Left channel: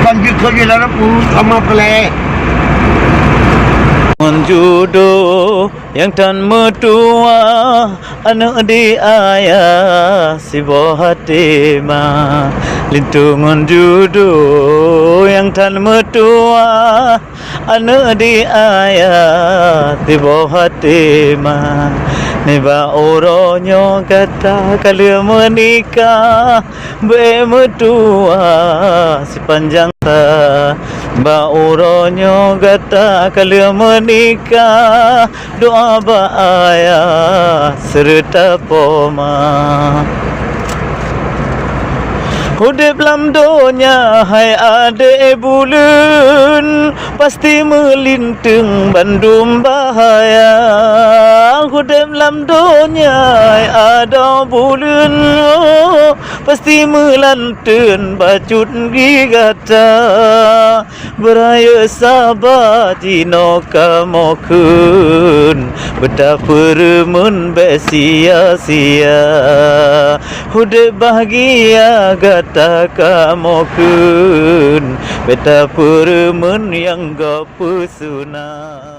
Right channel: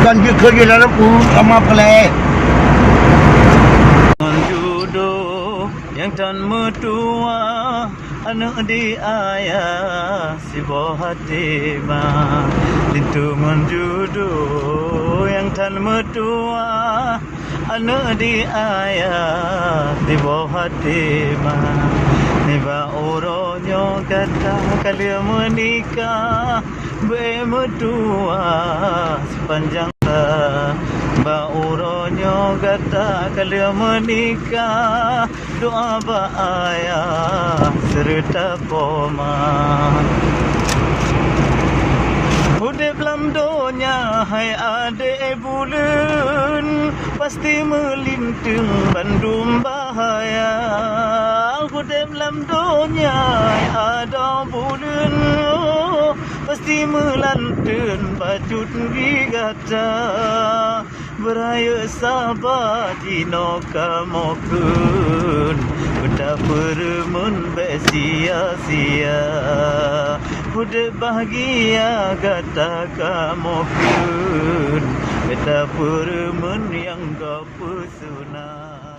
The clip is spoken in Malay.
banjir kerja dalam sama pelai. Menjodoh yang tan mertua, anak di ayah si buah hati ma. Lintungan jodoh yang tan mertua, anak di ayah si buah hati ma. Niba oronyo kata kala menikah, bermertua sepanjang Ba uronyo gata kala menikah, doa ba ayah serta poma. Hudip lam donya hai ade bulan, pasti melintang bandum bahaya. Hudip lam donya hai ada bulan, pasti melantun bacut gigata. Beraya sabar tino kamokun, betapa remun besia-sia. Hudip bahagia kata kamokun, betapa remun yang gak pesona.